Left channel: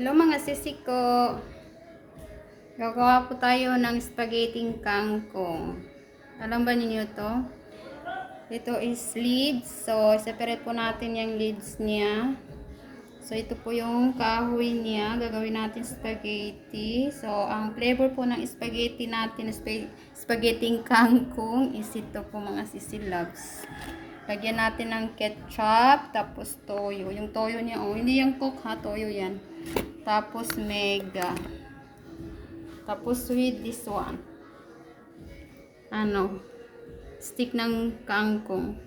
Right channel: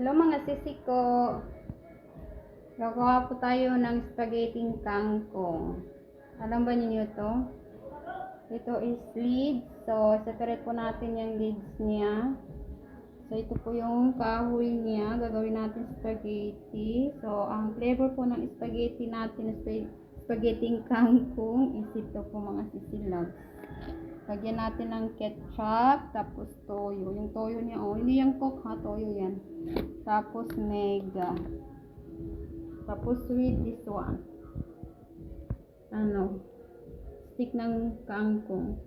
Hello mga sisi ko. Gagawa po tayo ng spaghetti kangkong. Alam ba ninyo to? Ito is leads. So, separate po natin yung leads niya. So, ito po yung kahoy niya. Gagawin natin spaghetti. So, ang flavor po ng spaghetti natin, spaghetti kangkong is ito po mga sisi loves. Lagyan natin ng ketchup, tapos toyo. Yung toyo niya, oh, hindi yung coke ha, toyo yan. Tapos mega. Tapos with this one. Stick ng kangkong.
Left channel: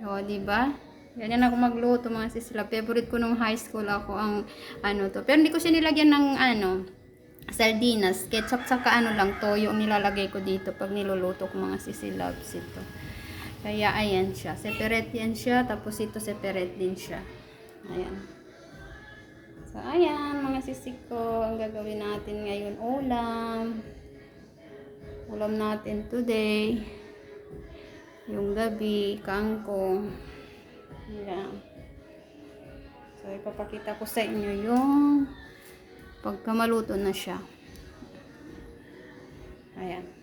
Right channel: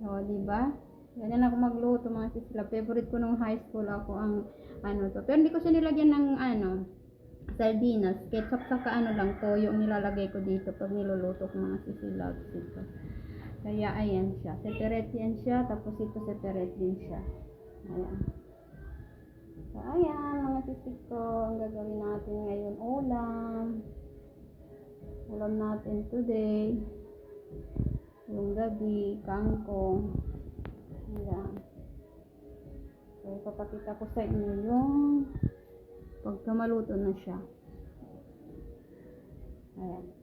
O, diba? Yan ako magluto mga sisla. Favorite ko nung high school ako ang to. Pero hindi ko siya nilagyan ng sardinas. Ketchup saka lang, toyo nilalagay ko dito pag niluluto ko mga sisilabs ito. Kaya ayan siya. Separate yan siya. Tapos ito separate din siya. Ayan. So ayan mga sisi ko. Ang gagawin natin ngayon ulam. Ulam natin today. Yung gabi. Kangkong. Ayan. So ipapakita ko sa inyo yung pagka maluto na siya. Ayan.